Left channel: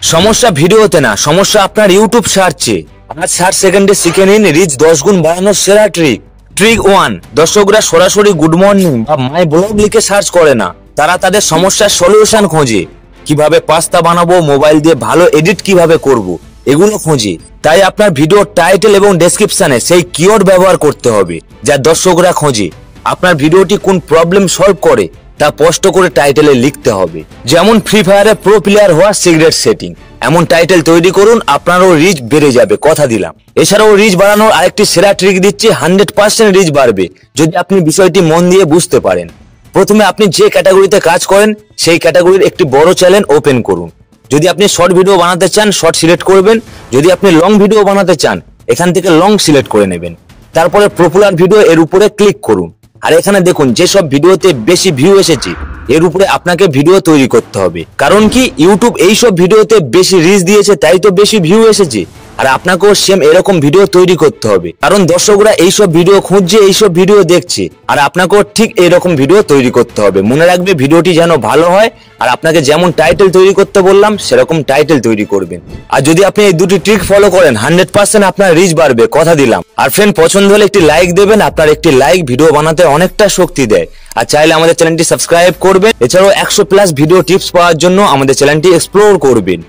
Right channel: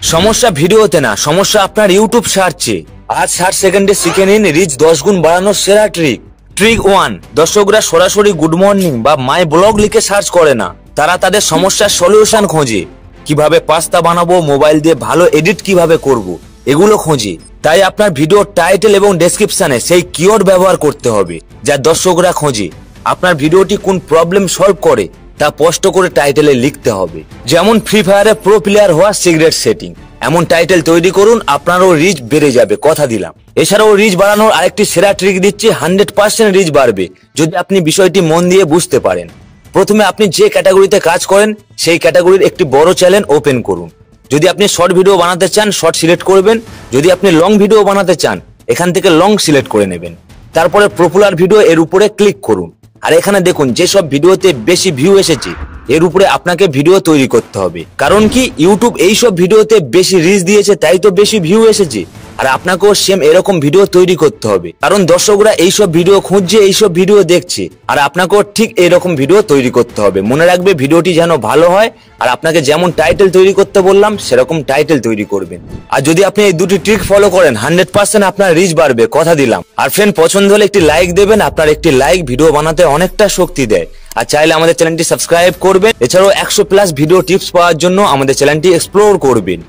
সমস্যা ভিডিওতে না, সমস্যা আপনার ইউটিউব সার্চে। আজ 60 সেকেন্ডে শিখে নিন রিচ 10 গুণ বাড়ানোর সেরা ট্রিক। ট্রিক 1, দর্শকরা সরাসরি গুড মর্নিং বা মাই ব্লগ লিখে সার্চ করে না, তারা তাদের সমস্যার সলিউশন খোঁজে। কিভাবে পাস্তা বানাবো, মোবাইল দিয়ে ভালো এডিট কিভাবে করব, এগুলো খোঁজে। তাই আপনার ভিডিও টাইটেল এবং ডেসক্রিপশনে সেই কিওয়ার্ড ব্যবহার করতে হবে যা দর্শকরা খোঁজে। আপনার ভিডিওটি কোন প্রবলেম সলভ করে তা স্পষ্ট করে টাইটেলে লিখতে হবে। যেমন ফ্রি ফায়ারে প্রো প্লেয়ার হওয়া সিক্রেট সেটিং, এমন টাইটেল তৈরি করুন, আপনারও রিচ বেড়ে যাবে, কথা দিলাম। এছাড়াও রিচ বাড়ানোর আরেকটি সেরা ট্রিক দিচ্ছি, 100% রিচ বাড়বে যদি আপনি বিষয়টি মন দিয়ে বুঝতে পারেন। প্রথমে আপনি যে ক্যাটাগরিতে কাজ করেন সেই ক্যাটাগরির একটি বড় চ্যানেল ওপেন করুন। যদি আপনি শর্ট ভিডিও বানাতে চান, শর্ট সিলেক্ট করবেন। যদি আপনি লং ভিডিও বানাতে চান, এখান থেকে লং সিলেক্ট করে নেবেন। তারপরে পপুলার ভিডিও এর উপরে ক্লিক করুন। আর এখানে দেখুন যেসব ভিডিওতে বেশি ভিউ এসেছে এর উপরে আপনাকে ভিডিও তৈরি করতে হবে। কারণ কি, ইউটিউব এইসব ভিডিওতে বেশি রিচ দিয়েছে, তাই তো বেশি ভিউ এসেছে। আর আপনাকেও সেম এরকম ভিডিও তৈরি করতে হবে, কারণ দর্শকরা এইসব ভিডিও খুঁজছে, এইসব ভিডিও দেখছে। আর আপনাকেও ঠিক এইরকম ভিডিও তৈরি করতে হবে। মনে রাখবে, ভিডিওটি যেন ভালো হয়। আর আপনাকে যেমন টাইটেল তৈরি করতে বললাম সেরকম টাইটেল তৈরি করবেন। আর যদি আপনি এই দুটি ট্রিক ফলো করেন, 100% আপনার রিচ বাড়বে, কথা দিলাম। আর ফ্রেন্ড, পছন্দ হলে একটি লাইক দেবেন। আপনার একটি লাইক ভিডিও বানাতে অনেকটা শক্তি দেয়। আর চাইলে আমাদের চ্যানেলটি সাবস্ক্রাইব করবেন। এছাড়াও 100+ ভিডিও টিপস পাওয়ার জন্য আমাদের চ্যানেলটি এক্সপ্লোর করবেন।